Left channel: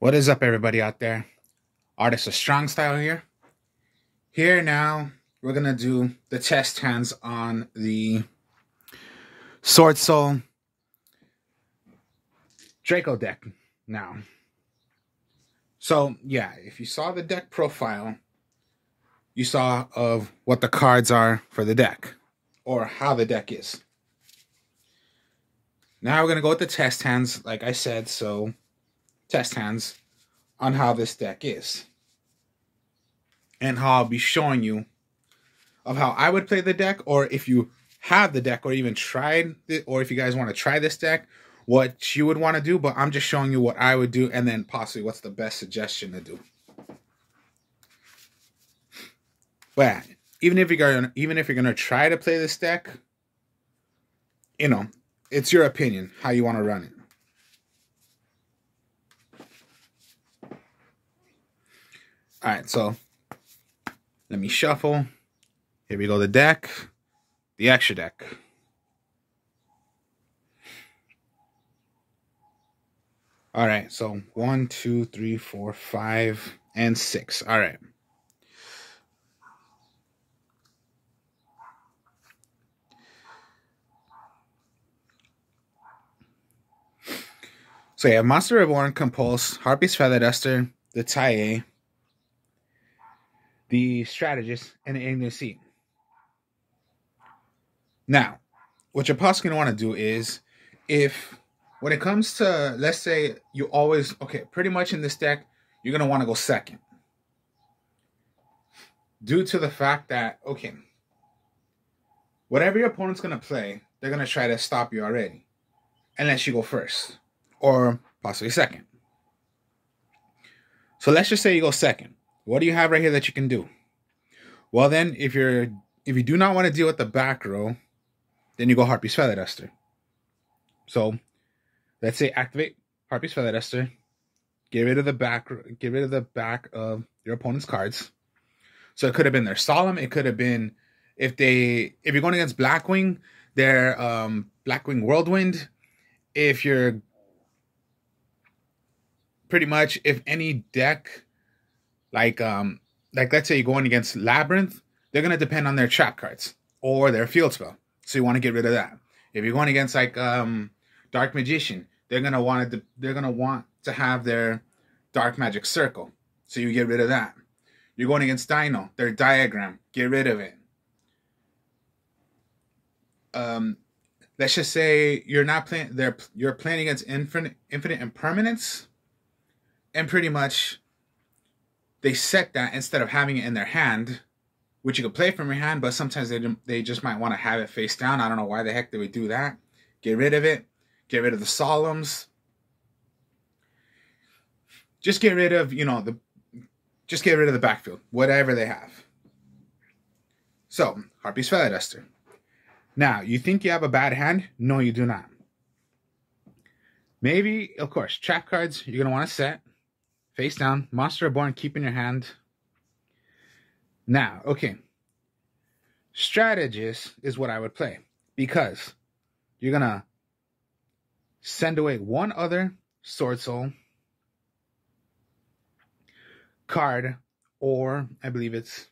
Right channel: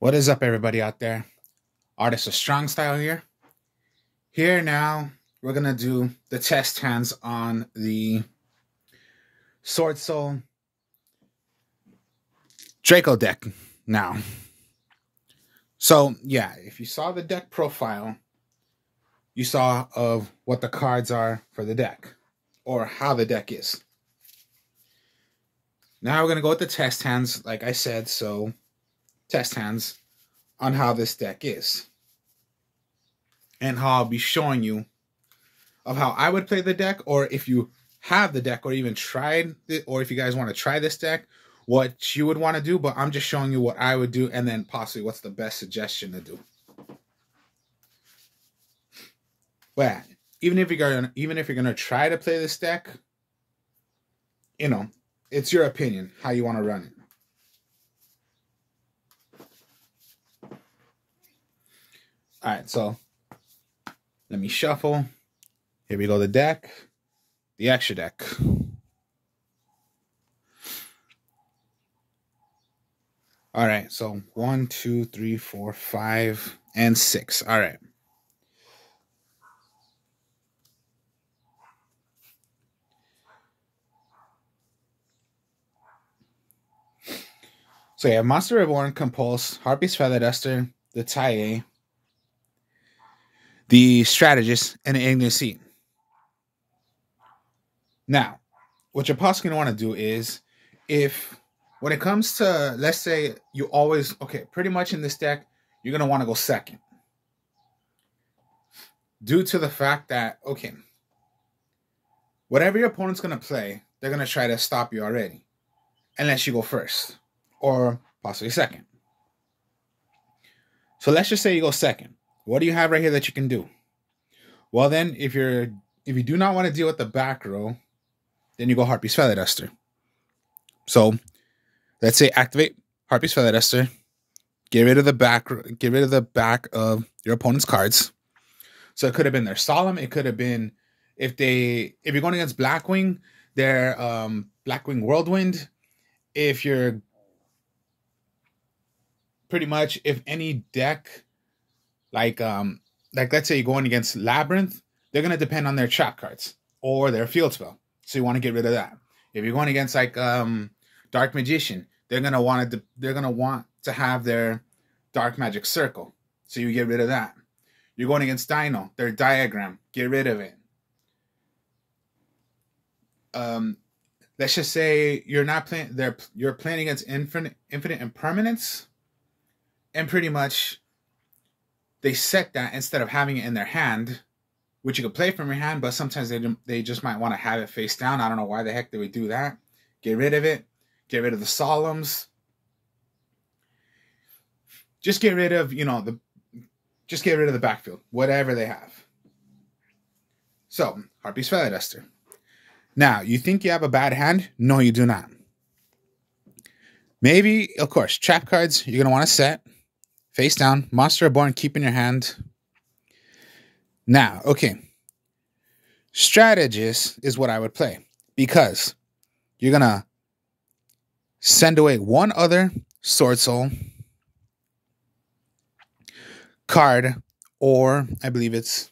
What is up, everybody out there? Artist of Strong Style here. Here now, we're going to do the test hands on the swordsoul Draco deck now. So, yeah, if you saw the deck profile, you saw of what the cards are for the deck, or how the deck is. Now we're going to go with the test hands, like I said, so test hands on how this deck is. And how I'll be showing you of how I would play the deck, or if you have the deck, or even tried it, or if you guys want to try this deck, what you would want to do. But I'm just showing you what I would do, and then possibly what's the best suggestion to do. But even if you're gonna try to play this deck, you know, it's your opinion how you want to run it. All right, so let me shuffle. Here we go, the deck, the extra deck. All right, so 1, 2, 3, 4, 5, and 6. All right. So you have Monster Reborn, Compulse, Harpy's Feather Duster, the Taie, the Strategist, and the Ignis Seat. Now, what you're possibly going to want to do is, when it comes to, let's say, you always, okay, pretty much in this deck, you're going to want to go second. Due to the fact that, okay, whatever your opponent's going to play, they're going to try to stop you already. Unless you go first. Or possibly second. So let's just say you go second. What do you have right here that you can do? Well then, if you do not want to deal with the back row, then you go Harpy's Feather Duster. So let's say activate Harpy's Feather Duster. Get rid of the back of your opponent's cards. So it could have been their Solemn. It could have been if you're going against Blackwing, their Blackwing Whirlwind. If you're pretty much, if any deck, like let's say you're going against Labyrinth, they're gonna depend on their trap cards or their field spell. So you want to get rid of that. If you're going against like Dark Magician, they're gonna want to have their Dark Magic Circle. So you get rid of that. You're going against Dino, their Diagram, get rid of it. Let's just say you're not playing. You're playing against Infinite Impermanence, and pretty much they set that instead of having it in their hand, which you could play from your hand, but sometimes they just might want to have it face down. I don't know why the heck they would do that. Get rid of it. Get rid of the Solemns. Just get rid of just get rid of the backfield, whatever they have. So Harpy's Feather Duster. Now, you think you have a bad hand? No, you do not. Maybe, of course, trap cards you're going to want to set. Face down. Monster Reborn, keep in your hand. Now, okay. Strategist is what I would play. Because you're going to send away one other swordsoul card, or I believe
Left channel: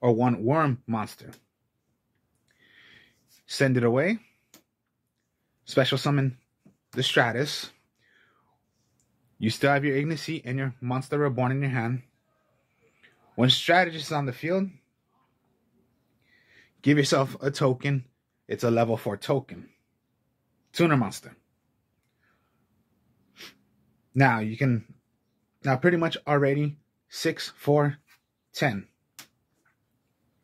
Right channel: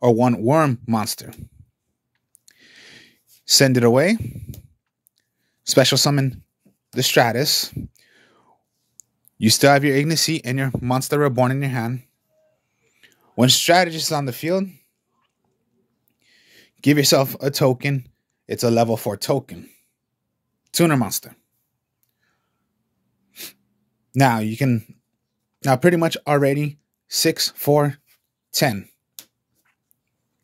or one worm monster. Send it away. Special summon the Stratus. You still have your Ignis Seat and your Monster Reborn in your hand. When Strategist is on the field, give yourself a token. It's a level 4 token. Tuner monster. Now pretty much already 6, 4, 10.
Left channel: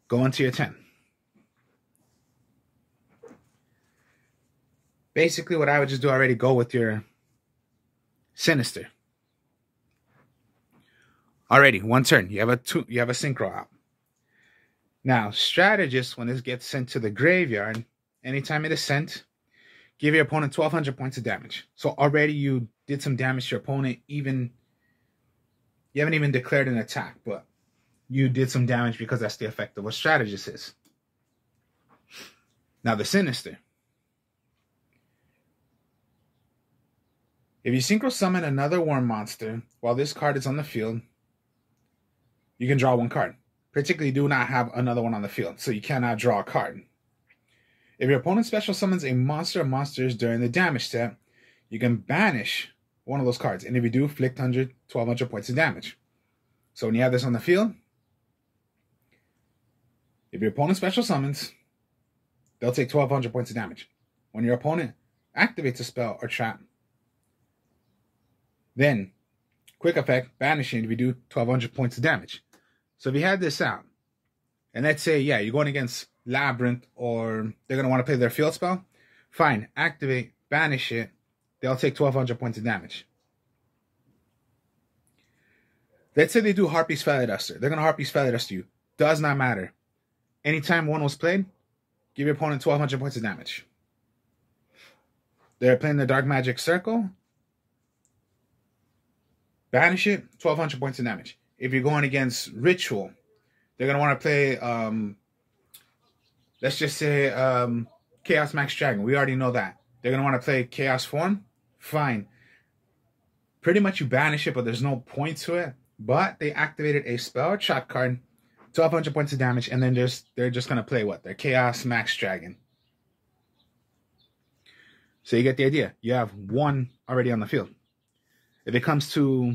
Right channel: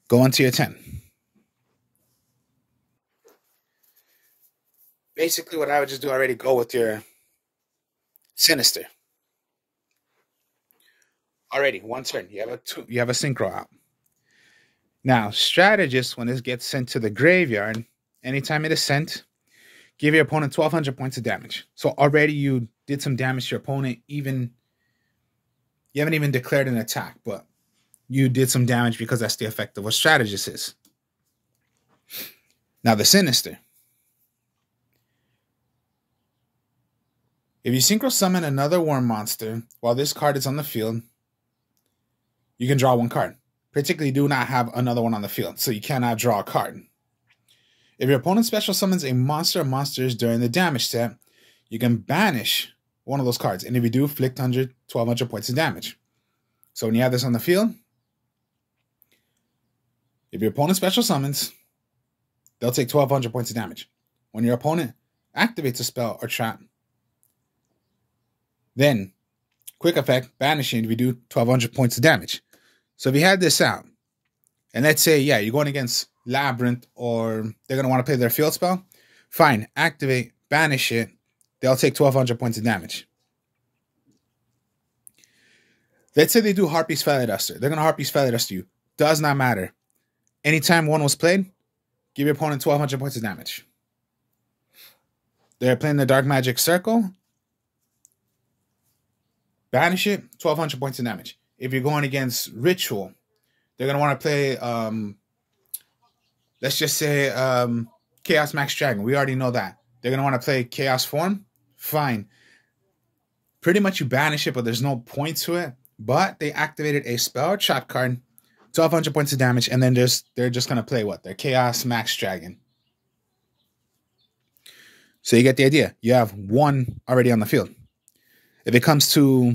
Go into your 10. Basically, what I would just do already, go with your Sinister. Already, one turn. You have a synchro out. Now, Strategist, when this gets sent to the graveyard, anytime it is sent, give your opponent 1,200 points of damage. So already you did some damage to your opponent. You haven't even declared an attack, but you did some damage because that's the effect of what Strategist is. Now, the Sinister. If you synchro summon another worm monster while this card is on the field, you can draw one card. Particularly, do not have another one on the field, so you cannot draw a card. If your opponent special summons a monster or monsters during the damage step, you can banish one of those cards. And if you do, inflict 1,200 points of damage. So when you have this on the field, if your opponent special summons, they'll take 1,200 points of damage. When your opponent activates a spell or trap, then, quick effect, banishing if you do 1,200 points of damage. So if you had this out, and let's say, yeah, you're going against Labyrinth, or they're going to want to play their field spell, fine, activate, banish it, they'll take 1,200 points of damage. Let's say they do Harpy's Feather Duster. They're going to Harpy's Feather Duster you. Does not matter. Anytime one was played, give your opponent 1,200 points of damage. They're playing the Dark Magic Circle, banish it, 1,200 points of damage. If you're going against Ritual, they're going to want to play, let's just say, Chaos Max Dragon. We already know that. They're going to want to play Chaos Form. Fine. Pretty much you banish it, but there's no point to it. But they activated a spell or trap card, 1,200 points of damage, and then they're just going to play what? Their Chaos Max Dragon. So you get the idea. You have one already on the field. If it comes to,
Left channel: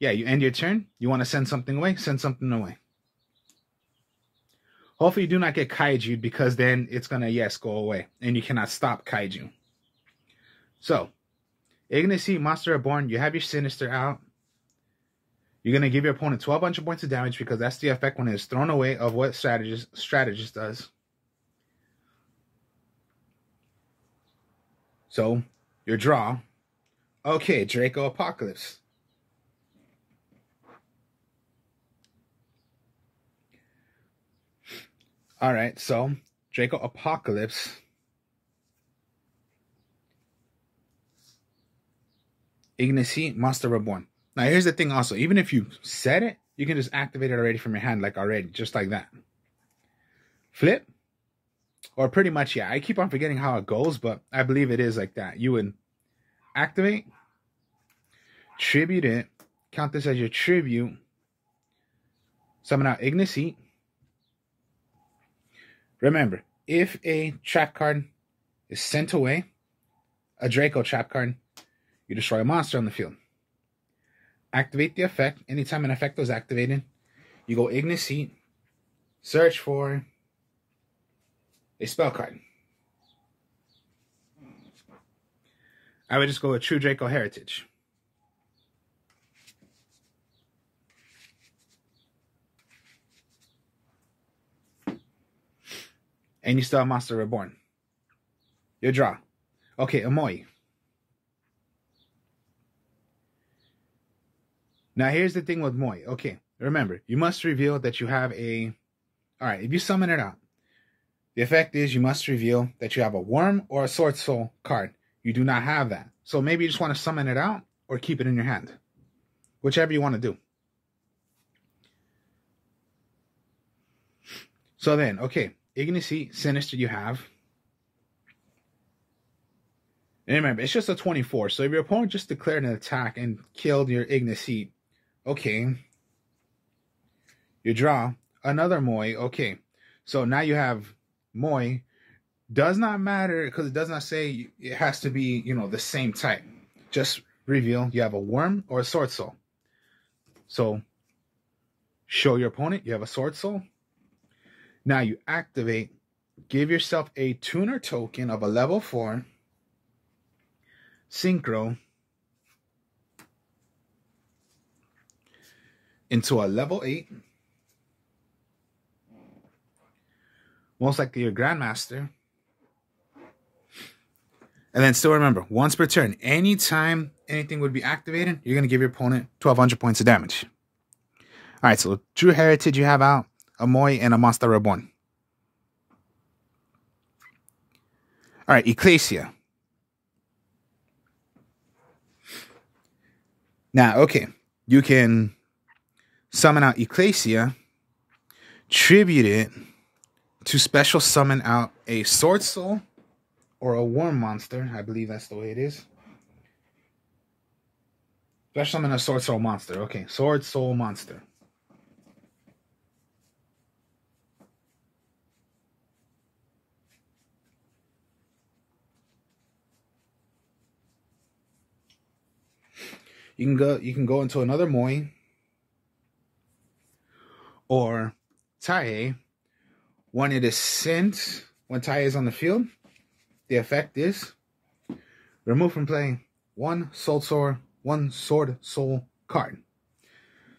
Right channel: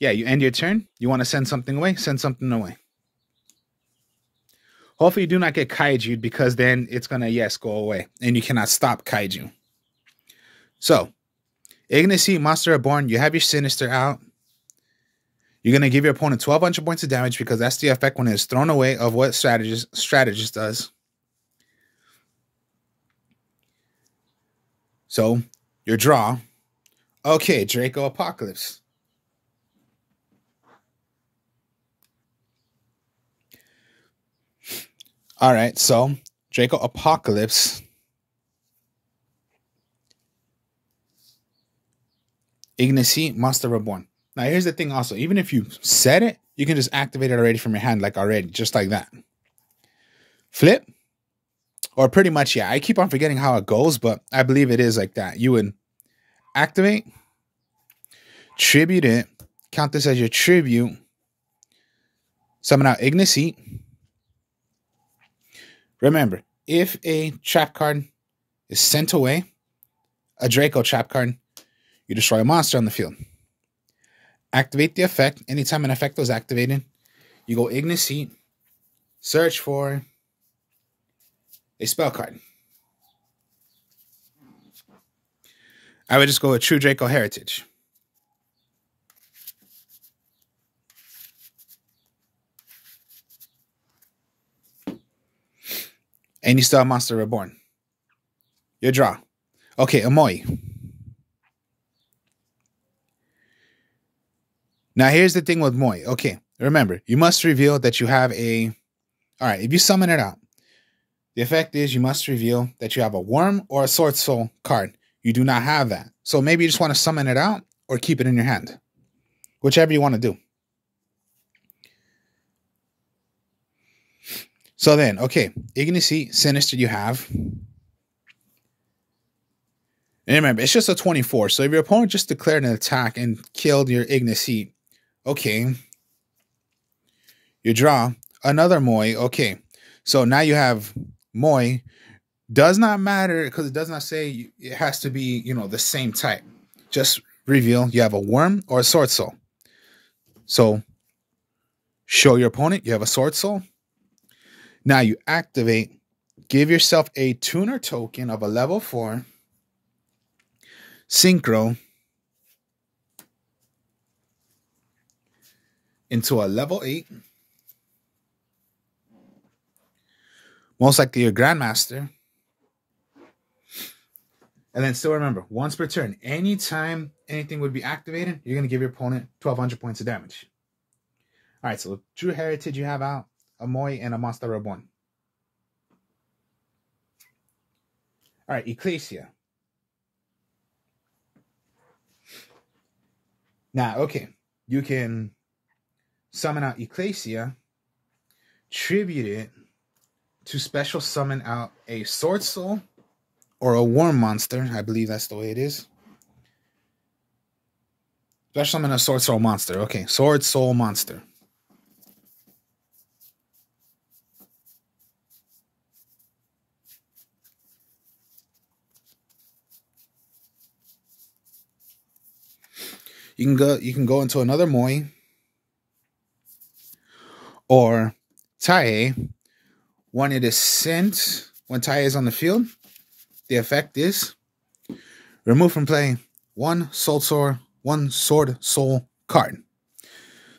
yeah, you end your turn, you want to send something away, send something away. Hopefully you do not get kaiju, because then it's going to, yes, go away. And you cannot stop kaiju. So, Ignicy, Monster Reborn, you have your Sinister out. You're going to give your opponent 1,200 points of damage, because that's the effect when it's thrown away of what Strategist does. So, your draw. Okay, Draco Apocalypse. All right, so Draco Apocalypse. Ignicy, Monster Reborn. Now, here's the thing also. Even if you set it, you can just activate it already from your hand, like already, just like that. Flip. Or pretty much, yeah. I keep on forgetting how it goes, but I believe it is like that. You would activate, tribute it, count this as your tribute, summon out Ignicy. Remember, if a trap card is sent away, a Draco trap card, you destroy a monster on the field. Activate the effect. Anytime an effect was activated, you go Ignicy, search for a spell card. I would just go with True Draco Heritage. And you still have Monster Reborn. Your draw. Okay, Amoy. Now, here's the thing with Moi. Okay, remember, you must reveal that you have a... All right, if you summon it out, the effect is you must reveal that you have a Worm or a Sword Soul card. You do not have that. So maybe you just want to summon it out or keep it in your hand. Whichever you want to do. So then, okay, Ignicy, Sinister you have. And remember, it's just a 24. So if your opponent just declared an attack and killed your Ignicy, okay. You draw another Moi. Okay. So now you have Moi. Does not matter because it does not say it has to be, you know, the same type. Just reveal you have a Worm or a Sword Soul. So show your opponent you have a Sword Soul. Now you activate, give yourself a tuner token of a level 4. Synchro into a level 8. Most likely your Grandmaster. And then still remember, once per turn, anytime anything would be activated, you're going to give your opponent 1,200 points of damage. All right, so True Heritage you have out, a Moi, and a Monster Reborn. All right, Ecclesia. Now, okay, you can summon out Ecclesia, tribute it to special summon out a Sword Soul or a Worm monster. I believe that's the way it is. Special summon a sword soul monster. Okay, sword soul monster. You can go into another Moi or Tai. When it is sent, when Tai is on the field, the effect is remove from play one sword soul card.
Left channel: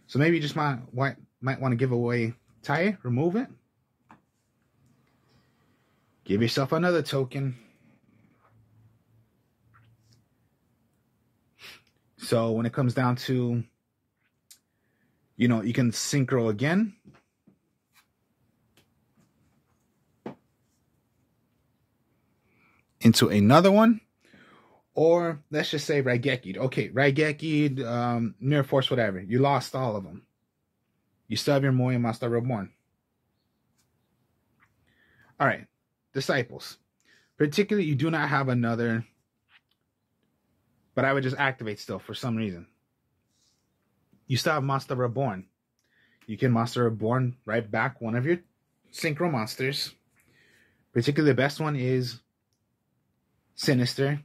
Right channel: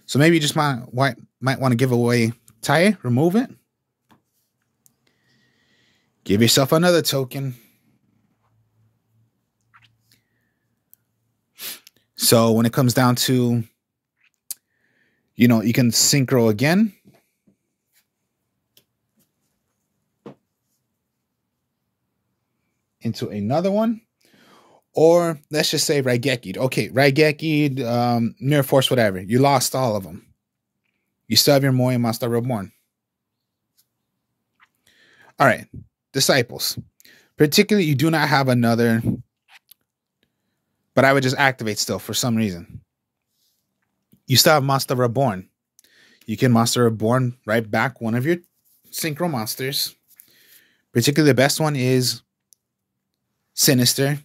So maybe you just might want to give away Tai, remove it. Give yourself another token. So when it comes down to, you know, you can synchro again. Into another one. Or let's just say Raigeki. Okay, Raigeki, Mirror Force, whatever. You lost all of them. You still have your Moi Monster Reborn. All right, Disciples. Particularly, you do not have another, but I would just activate still for some reason. You still have Monster Reborn. You can Monster Reborn right back one of your Synchro monsters. Particularly, the best one is Sinister.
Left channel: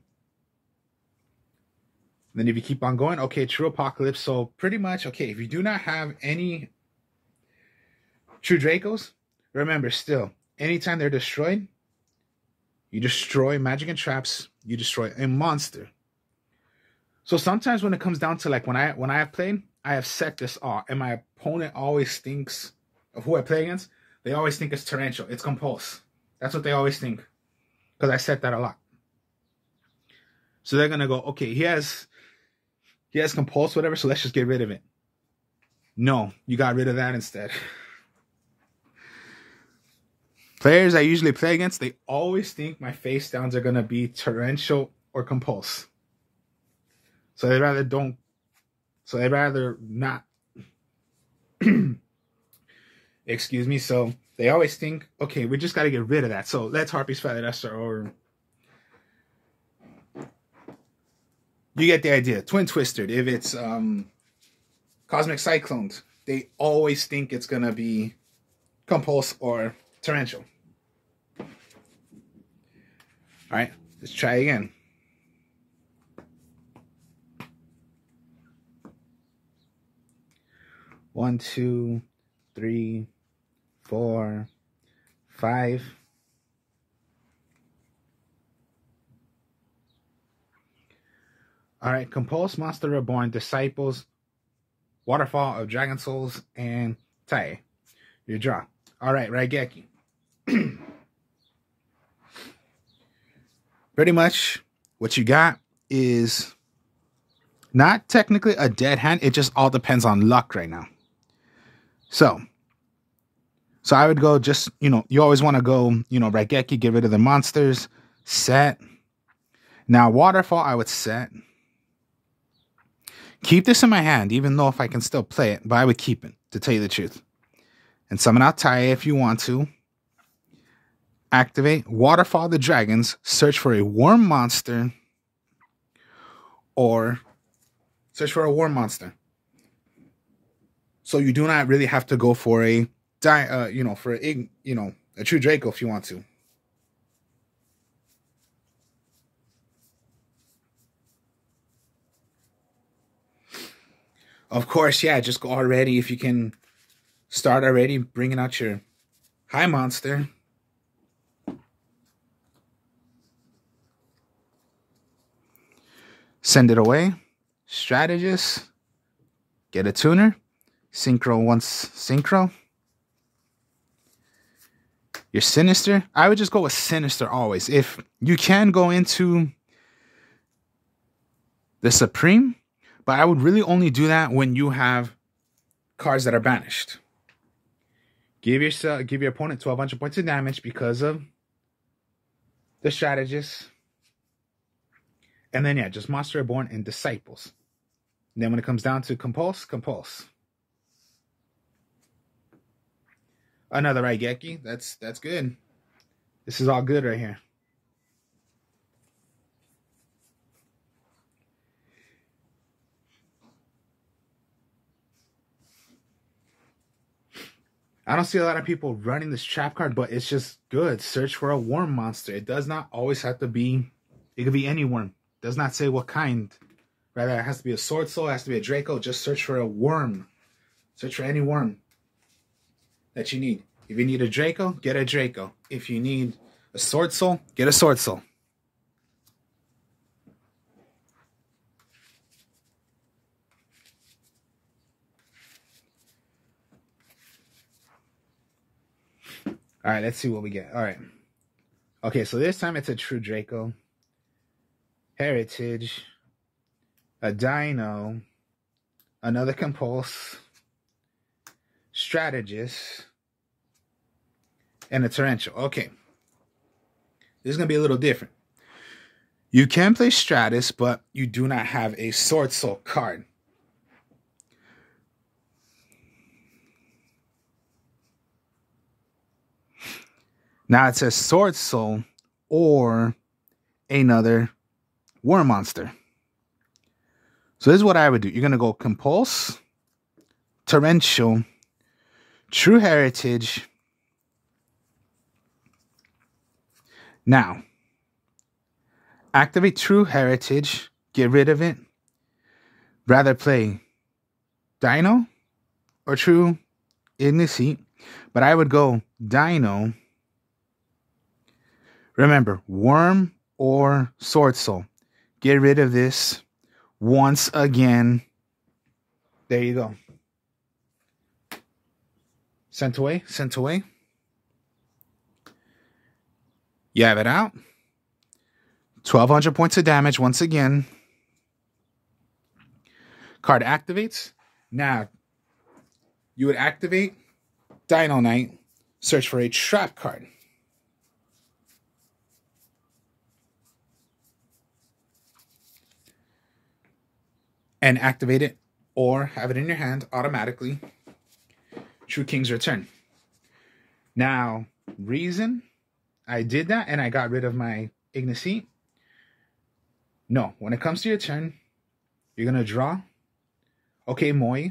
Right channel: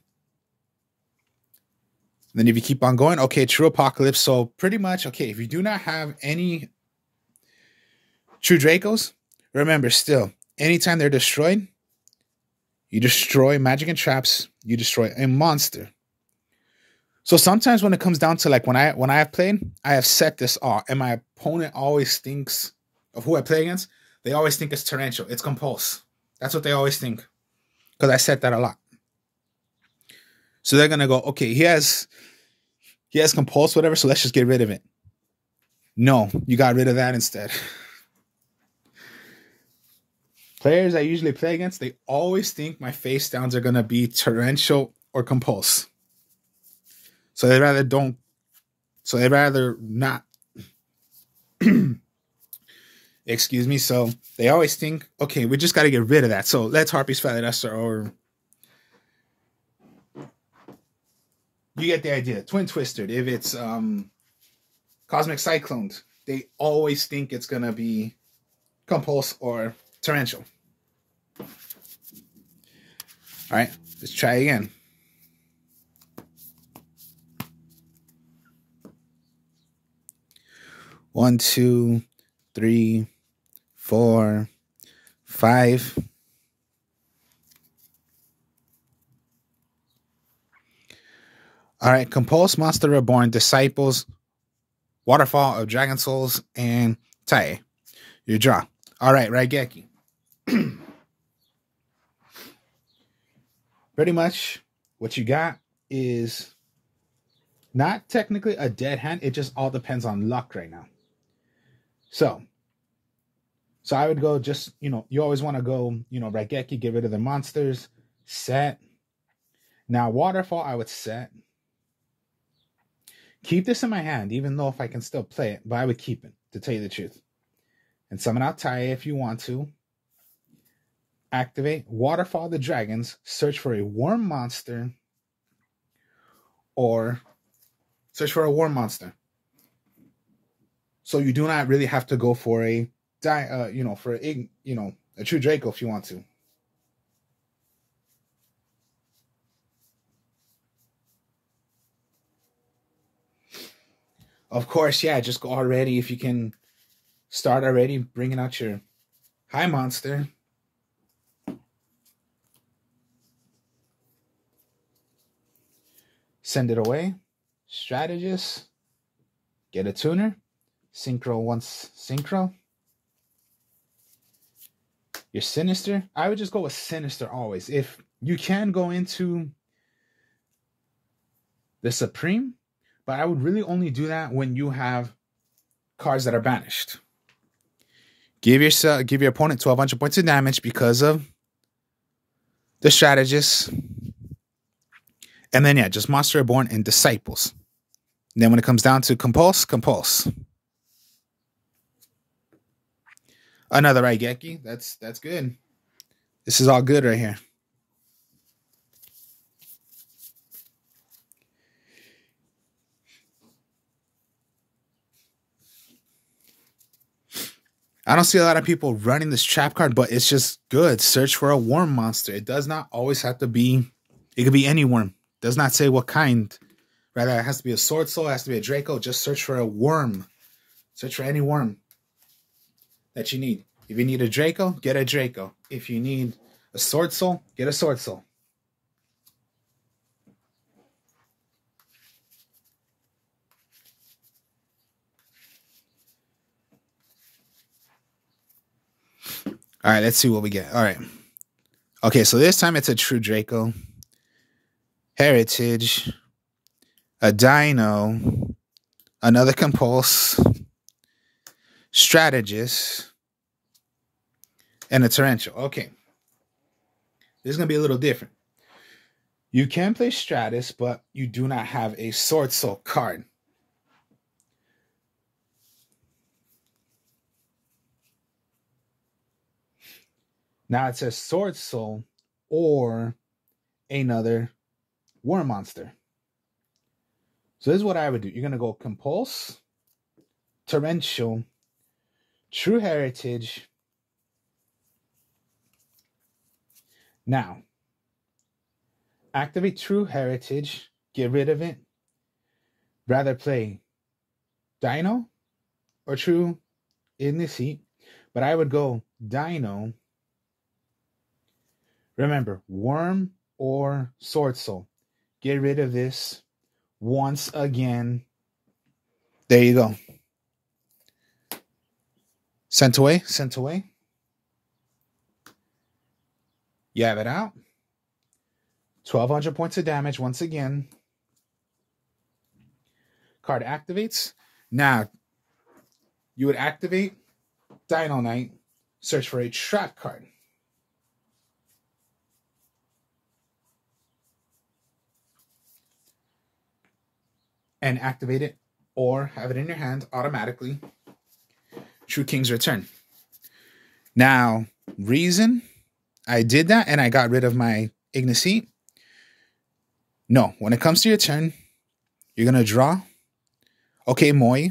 Then if you keep on going, okay, True Apocalypse. So pretty much, okay, if you do not have any True Dracos, remember still, anytime they're destroyed, you destroy magic and traps, you destroy a monster. So sometimes when it comes down to like when I have played, I have set this off, and my opponent always thinks of who I play against. They always think it's torrential, it's compulse. That's what they always think, because I set that a lot. So they're gonna go, okay, he has compulse, whatever, so let's just get rid of it. No, you got rid of that instead. Players I usually play against, they always think my face downs are gonna be torrential or compulse. So they rather not. Excuse me. So they always think, okay, we just got to get rid of that. So let's Harpy's Feathered Esther, or you get the idea. Twin Twisted. If it's Cosmic Cyclones, they always think it's going to be compulse or torrential. All right, let's try again. One, 2, 3, 4, 5. All right, Compulse, Monster Reborn, Disciples, Waterfall of Dragon Souls, and Tai. Your draw. All right, Raigeki. Pretty much what you got is not technically a dead hand. It just all depends on luck right now. So I would go just, you always want to go, Raigeki, get rid of the monsters, set. Now, Waterfall, I would set. Keep this in my hand, even though if I can still play it, but I would keep it, to tell you the truth. And summon out Tai if you want to. Activate Waterfall the Dragons, search for a warm monster, or search for a warm monster. So you do not really have to go for a a true Draco if you want to. Of course, yeah, just go already. If you can start already bringing out your high monster. Send it away. Strategist. Get a tuner. Synchro once synchro. Your Sinister. I would just go with Sinister always. If you can go into the Supreme, but I would really only do that when you have cards that are banished. Give your opponent 1,200 points of damage because of the Strategist. And then, yeah, just Monster Reborn and Disciples. And then when it comes down to Compulse. Another Raigeki. That's good. This is all good right here. I don't see a lot of people running this trap card, but it's just good. Search for a worm monster. It does not always have to be, it could be any worm. It does not say what kind. Rather, it has to be a sword soul, it has to be a draco. Just search for a worm. Search for any worm that you need. If you need a draco, get a draco. If you need a sword soul, get a sword soul. All right, let's see what we get. All right. Okay, so this time it's a true draco. Heritage. A dino. Another compulse. Strategist. And a torrential. Okay. This is going to be a little different. You can play Stratus, but you do not have a sword soul card. Now it says sword soul or another worm monster. So this is what I would do. You're going to go compulse, torrential, true heritage. Now, activate true heritage, get rid of it. Rather play dino or true igniseat, but I would go dino. Remember, worm or sword soul. Get rid of this once again. There you go. Sent away, sent away. You have it out. 1,200 points of damage once again. Card activates. Now, you would activate Dino Knight. Search for a trap card. And activate it or have it in your hand automatically. True King's Return. Now, reason I did that and I got rid of my Igniseat. No, when it comes to your turn, you're going to draw. Okay, Moi.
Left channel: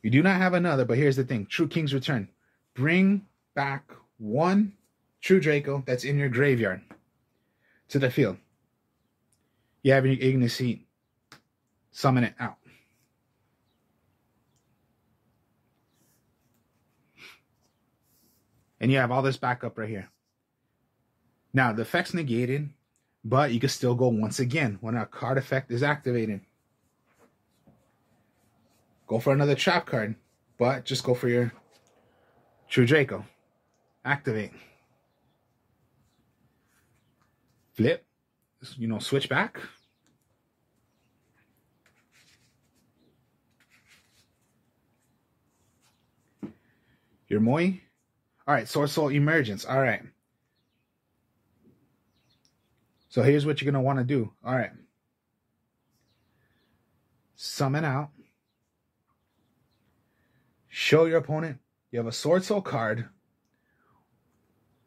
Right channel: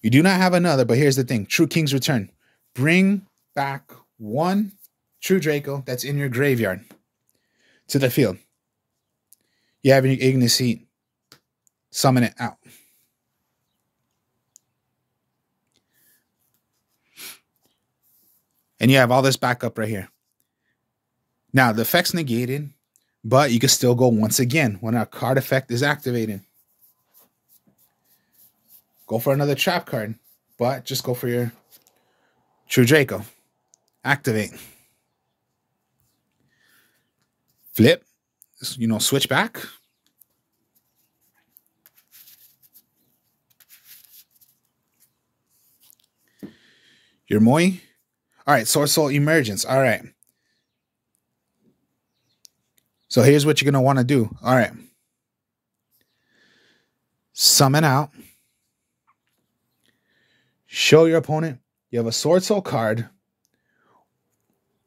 You do not have another, but here's the thing. True King's Return. Bring back one True Draco that's in your graveyard to the field. You have your Igniseat. Summon it out. And you have all this backup right here. Now, the effect's negated, but you can still go once again when a card effect is activated. Go for another trap card, but just go for your True Draco. Activate. Flip. You know, switch back. Your Moi. All right, Sword Soul Emergence. All right. So here's what you're going to want to do. All right. Summon out. Show your opponent you have a Sword Soul card.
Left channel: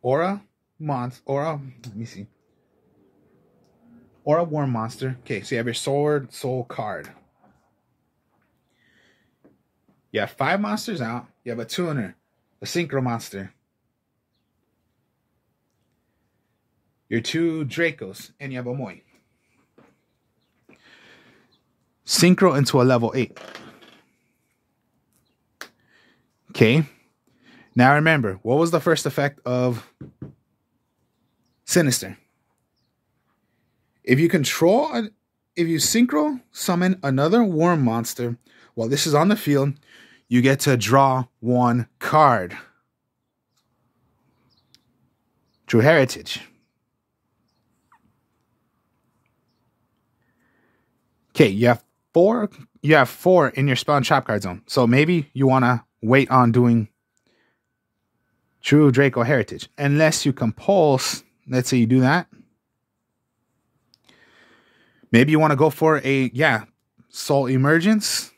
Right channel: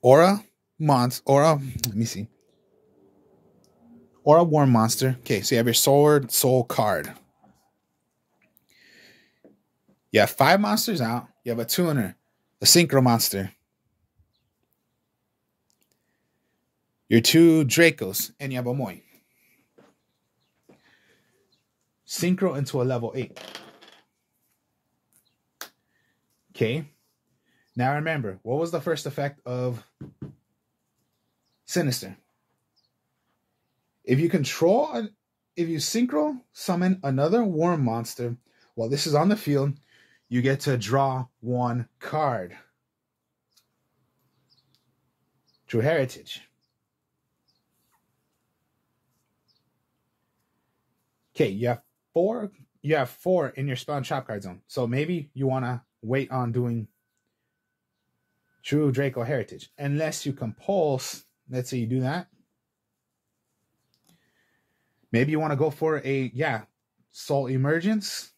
Let me see. Or a Worm Monster. Okay, so you have your Sword Soul card. You have 5 monsters out. You have a tuner. A Synchro monster. Your 2 Dracos. And you have a Moi. Synchro into a level 8. Okay. Now remember, what was the first effect of Sinister? If you synchro summon another worm monster while this is on the field, you get to draw 1 card. True Heritage. Okay, you have 4 in your spell and trap card zone. So maybe you want to wait on doing True Draco Heritage. Unless you compulse, let's say you do that. Maybe you want to go for a, Soul Emergence.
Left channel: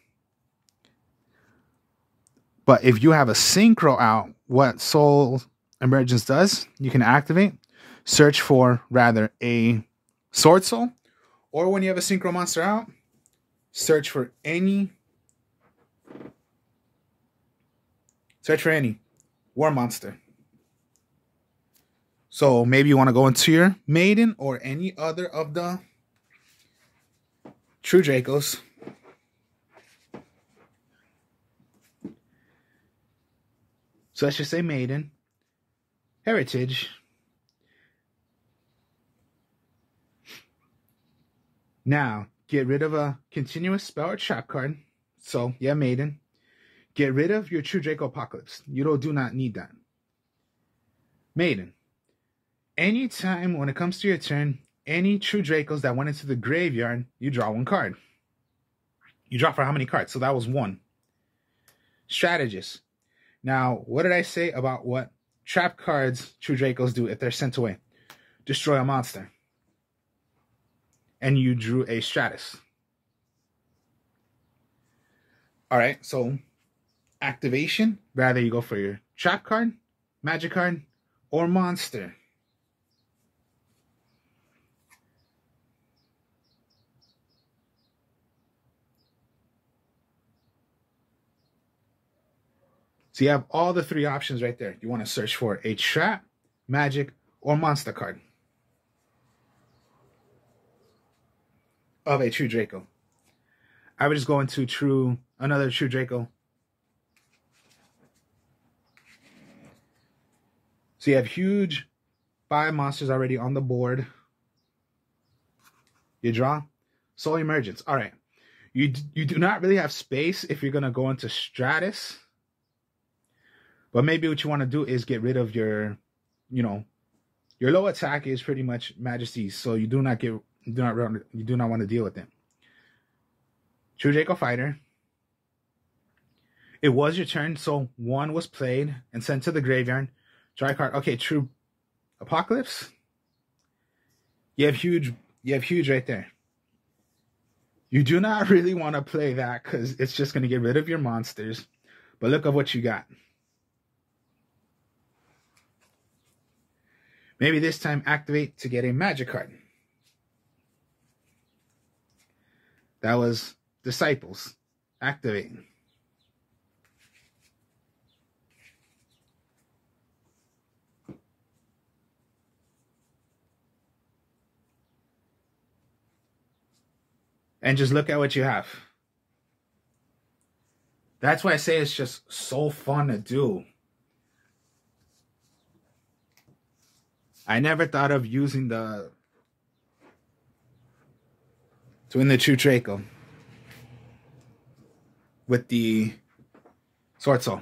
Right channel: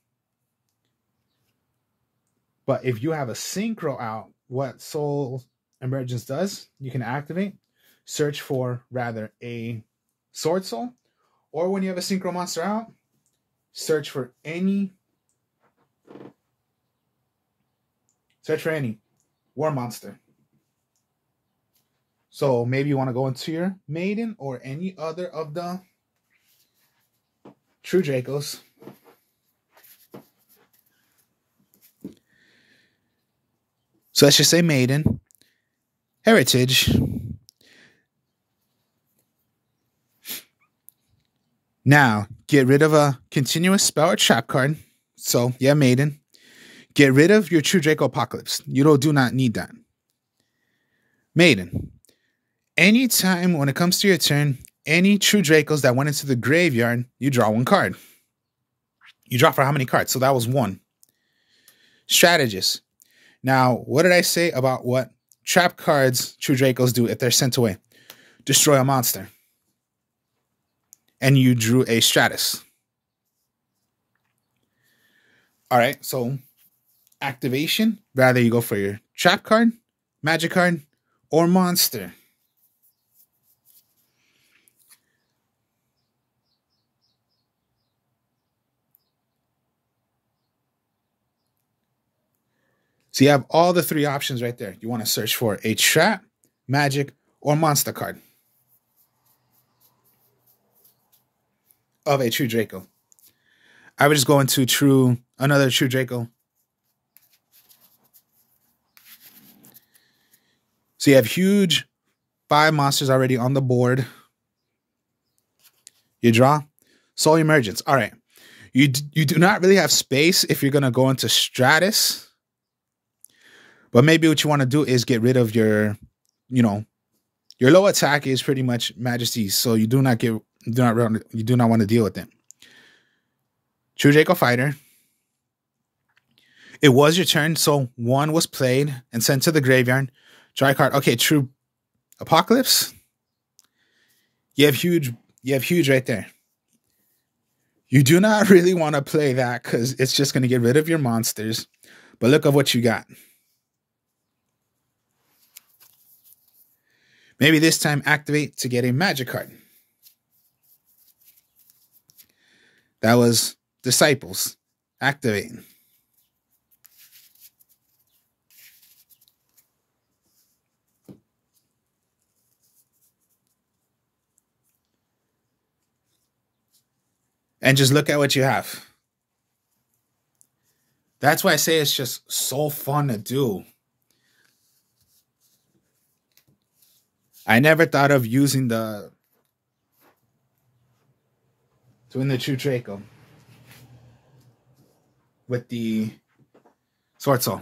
But if you have a Synchro out, what Soul Emergence does, you can activate. Search for, rather, a Sword Soul. Or when you have a Synchro monster out, search for any Search for any war monster. So maybe you want to go into your maiden or any other of the true Dracos. So let's just say maiden, heritage. Now, get rid of a continuous spell or trap card. So, yeah, maiden. Get rid of your true Draco Apocalypse. You do not need that. Maiden. Anytime when it comes to your turn, any true Dracos that went into the graveyard, you draw one card. You draw for how many cards? So that was one. Strategist. Now, what did I say about what trap cards true Dracos do if they're sent away? Destroy a monster. And you drew a Stratus. All right, so activation. Rather you go for your trap card, magic card, or monster. So you have all the three options right there. You want to search for a trap, magic, or monster card of a true Draco. I would just go into another true Draco. So you have huge 5 monsters already on the board. You draw Soul Emergence. All right. You do not really have space if you're going to go into Stratus. But maybe what you want to do is get rid of your low attack is pretty much Majesty's. So you do not want to deal with it. True Draco Fighter. It was your turn, so one was played and sent to the graveyard. Draw a card. Okay, True Apocalypse. You have huge right there. You do not really want to play that because it's just going to get rid of your monsters. But look at what you got. Maybe this time activate to get a magic card. That was Disciples. Activate. And just look at what you have. That's why I say it's just so fun to do. I never thought of using the true Draco with the Sword Soul.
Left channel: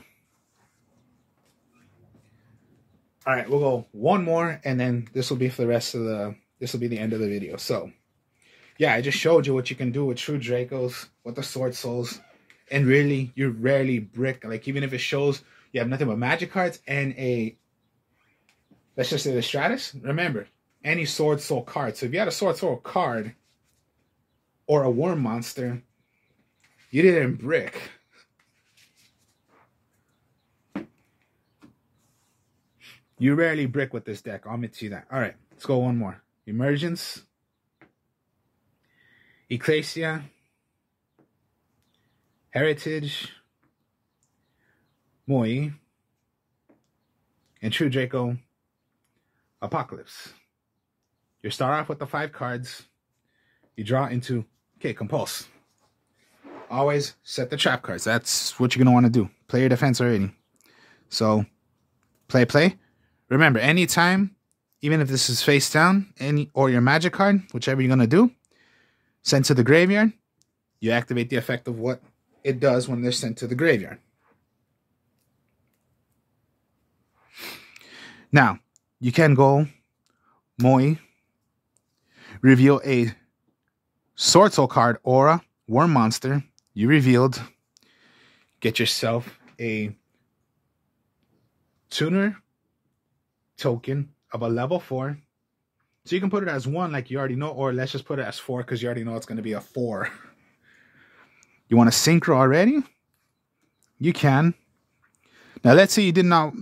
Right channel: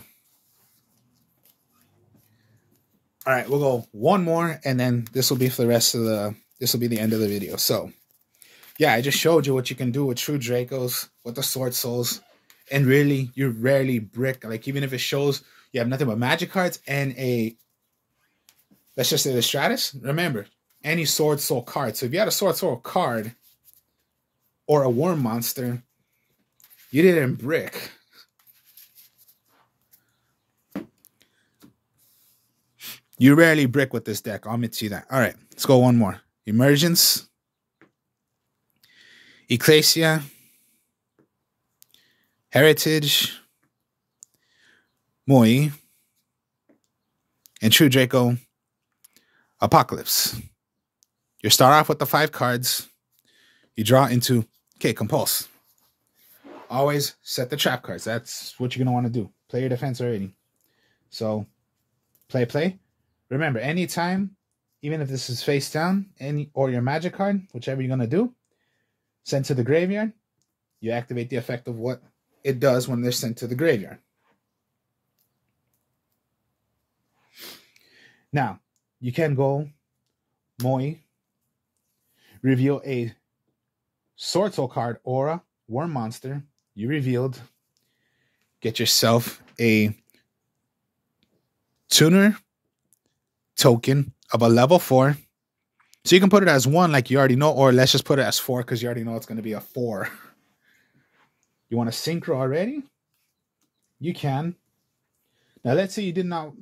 All right, we'll go one more, and then this will be for the rest of the. This will be the end of the video. So, yeah, I just showed you what you can do with true Dracos, with the Sword Souls, and really, you rarely brick. Like even if it shows you have nothing but magic cards and a. Let's just say the Stratus. Remember, any Sword Soul card. So if you had a Sword Soul card or a Worm Monster, you didn't brick. You rarely brick with this deck. I'll admit to you that. All right, let's go one more. Emergence. Ecclesia. Heritage. Moi. And True Draco Apocalypse. You start off with the 5 cards. You draw into, Compulse. Always set the trap cards. That's what you're going to want to do. Play your defense already. So, play. Remember, anytime, even if this is face down, or your magic card, whichever you're going to do, send to the graveyard, you activate the effect of what it does when they're sent to the graveyard. Now, you can go Moi, reveal a Sword Soul card or a Worm Monster you revealed. Get yourself a tuner token of a level 4. So you can put it as 1 like you already know, or let's just put it as 4 because you already know it's going to be a 4. You want to synchro already? You can. Now let's say you did not.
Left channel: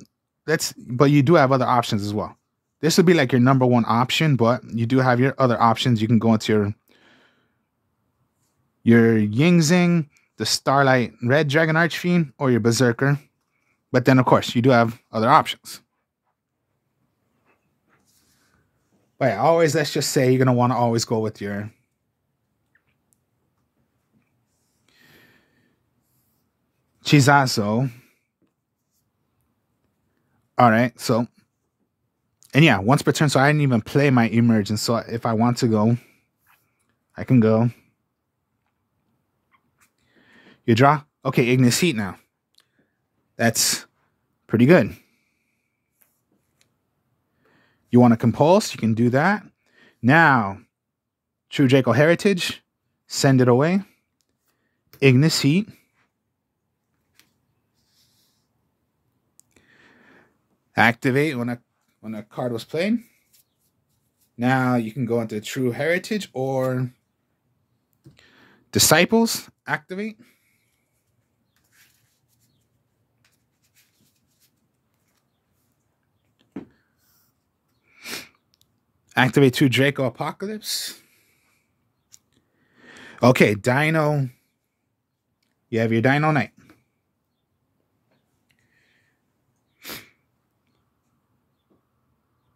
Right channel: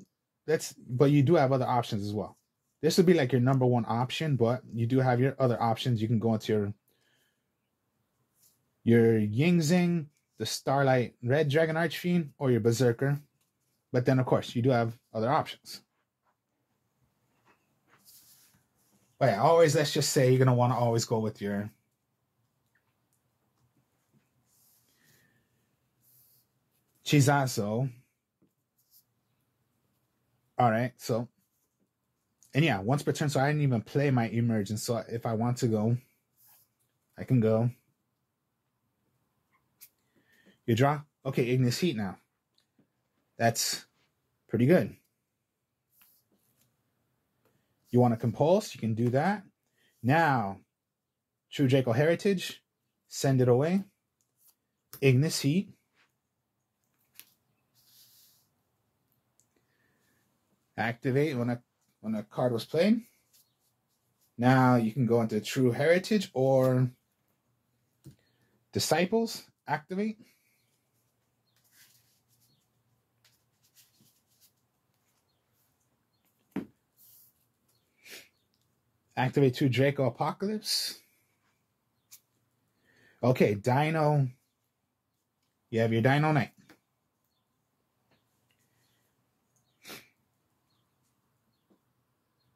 But you do have other options as well. This would be like your number 1 option, but you do have your other options. You can go into your Ying Zing, the Starlight Red Dragon Archfiend, or your Berserker. But then, of course, you do have other options. But yeah, always, let's just say you're going to want to always go with your Chizazo. All right, so, and yeah, once per turn, so I didn't even play my Emergence. So if I want to go, I can go. You draw? Okay, Ignis Heat now. That's pretty good. You want to compulse? You can do that. Now, True Draco Heritage. Send it away. Ignis Heat. Activate when a card was played. Now you can go into True Heritage or Disciples. Activate. Activate 2 Draco Apocalypse. Okay, Dino. You have your Dino Knight.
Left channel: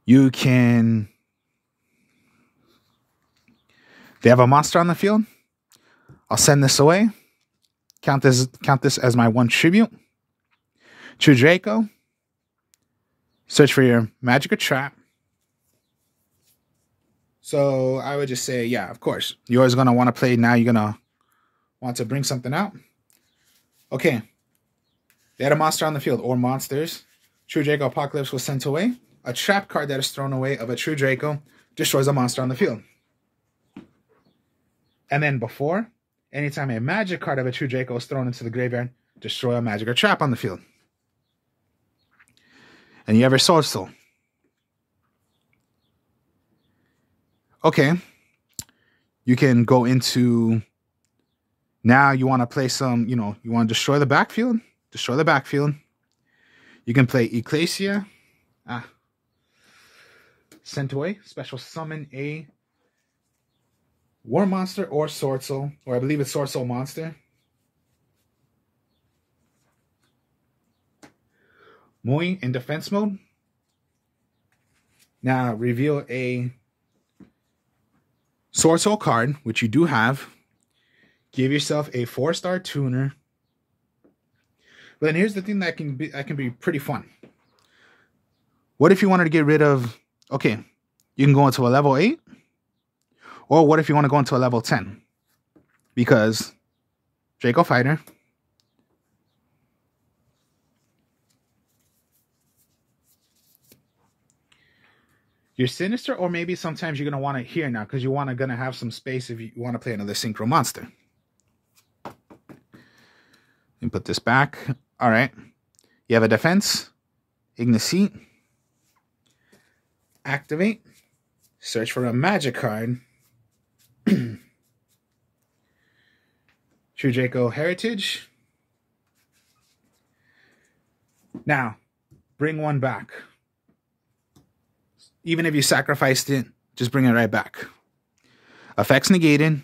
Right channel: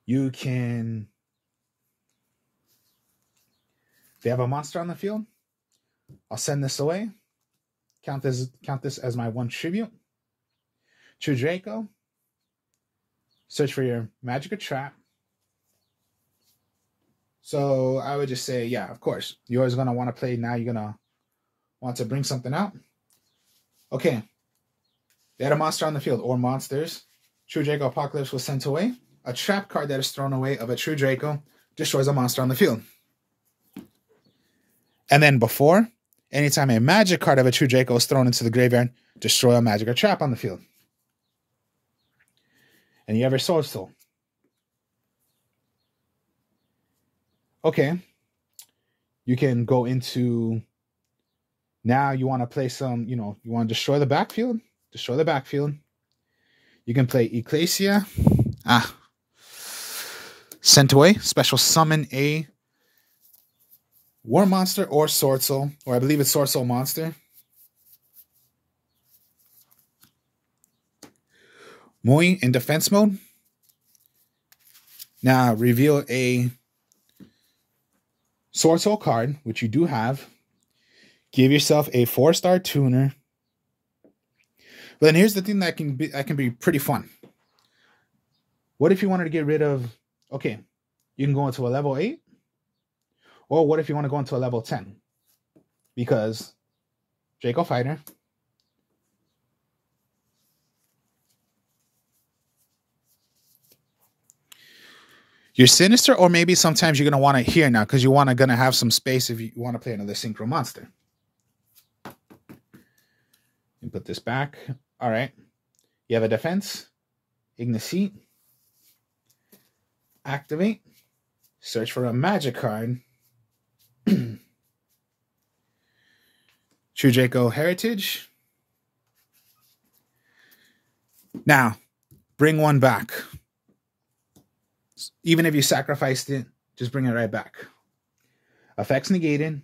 You can... They have a monster on the field. I'll send this away. Count this as my 1 tribute. True Draco. Search for your magic or trap. So I would just say, yeah, of course. You're always going to want to play now. You're going to want to bring something out. Okay. They had a monster on the field or monsters. True Draco Apocalypse was sent away. A trap card that is thrown away of a True Draco destroys a monster on the field. And then before, anytime a magic card of a True Draco is thrown into the graveyard, destroy a magic or trap on the field. And you have your Sword Soul. Okay. You can go into... Now you want to play some, you want to destroy the backfield. Destroy the backfield. You can play Ecclesia. Sent away. Special summon a War Monster or Sword Soul. Or I believe it's Sword Soul Monster. Mui in defense mode. Now reveal a Sword Soul card, which you do have. Give yourself a 4-star tuner. But then here's the thing that can be pretty fun. What if you wanted to get rid of... Okay, you can go into a level 8. Or what if you want to go into a level 10? Because Draco Fighter. You're Sinister, or maybe sometimes you're going to want it here now because you want to have some space if you want to play another Synchro Monster. And put this back. All right. You have a defense. Ignis Heat. Activate. Search for a magic card. True Draco Heritage. Now, bring one back. Even if you sacrificed it, just bring it right back. Effects negated.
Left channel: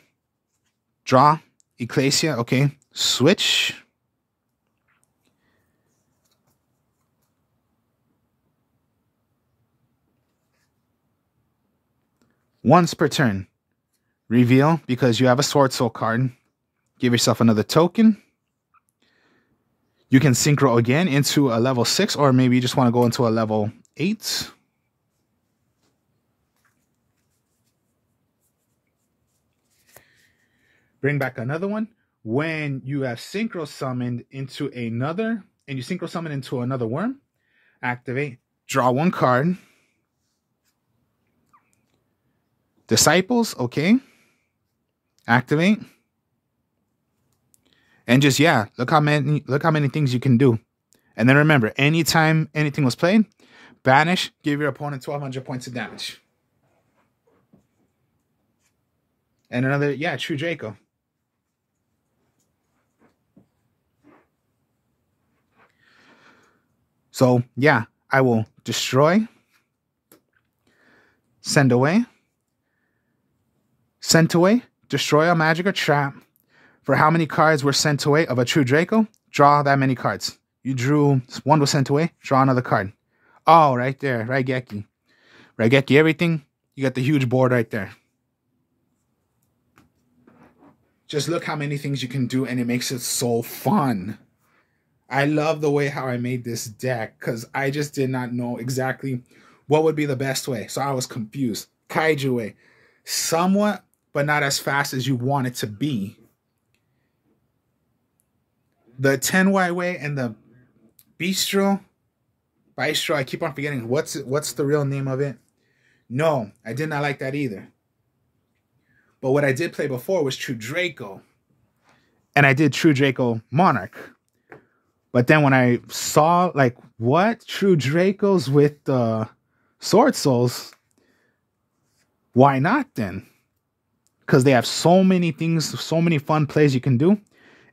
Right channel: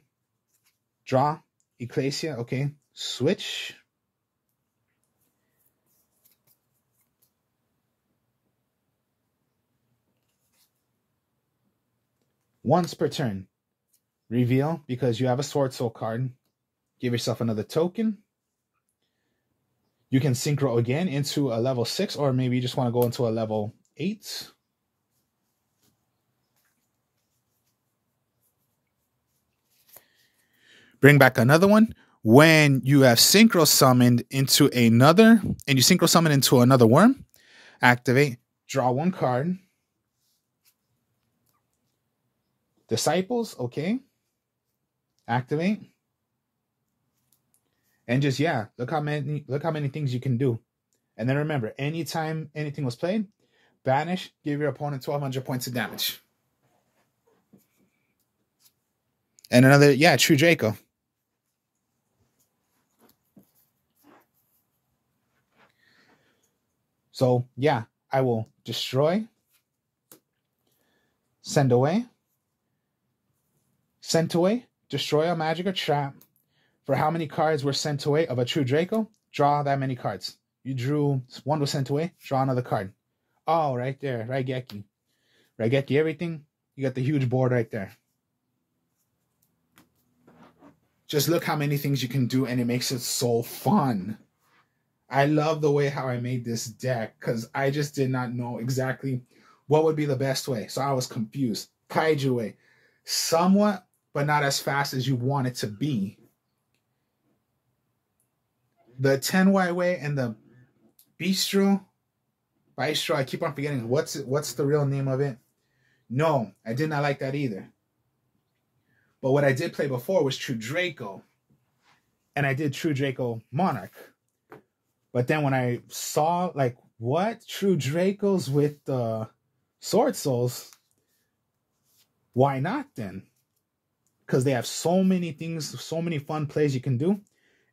Draw. Ecclesia. Okay. Switch. Once per turn. Reveal, because you have a Sword Soul card. Give yourself another token. You can synchro again into a level 6, or maybe you just want to go into a level 8. Bring back another one. When you have synchro summoned into another, and you synchro summon into another worm, activate, draw 1 card. Disciples, okay. Activate. And just, yeah, look how many things you can do. And then remember, anytime anything was played, banish, give your opponent 1,200 points of damage. And another, yeah, True Draco. So, yeah, I will destroy, send away, sent away, destroy a magic or trap. For how many cards were sent away of a True Draco, draw that many cards. You drew, one was sent away. Draw another card. Oh, right there. Raigeki. Raigeki everything. You got the huge board right there. Just look how many things you can do, and it makes it so fun. I love the way how I made this deck, because I just did not know exactly what would be the best way. So I was confused. Kaiju way. Somewhat, but not as fast as you want it to be. The Tenwai way and the Bistro, I keep on forgetting what's the real name of it. No, I did not like that either. But what I did play before was True Draco. And I did True Draco Monarch. But then when I saw, like, what? True Dracos with Sword Souls? Why not then? Because they have so many things, so many fun plays you can do.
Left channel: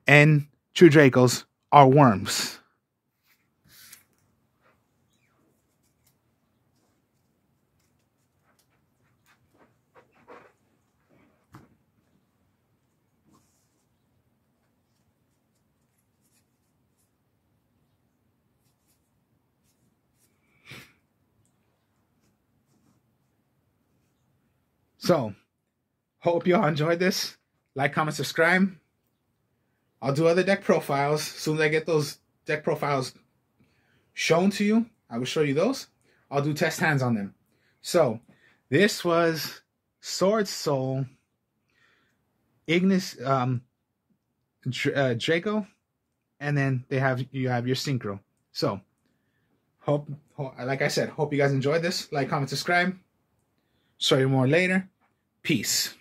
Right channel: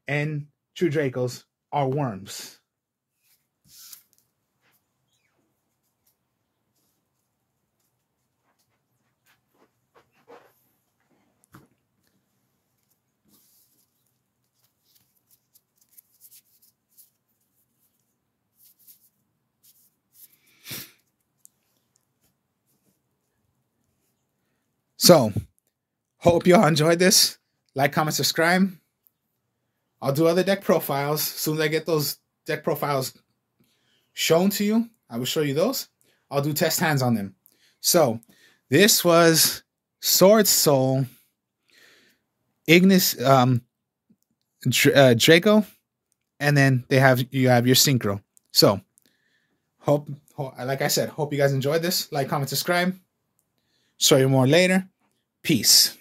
And True Dracos are worms. So, hope you all enjoyed this. Like, comment, subscribe. I'll do other deck profiles. As soon as I get those deck profiles shown to you, I will show you those. I'll do test hands on them. So, this was Sword Soul, Ignis, Draco, and then you have your Synchro. So, like I said, hope you guys enjoyed this. Like, comment, subscribe. Show you more later. Peace.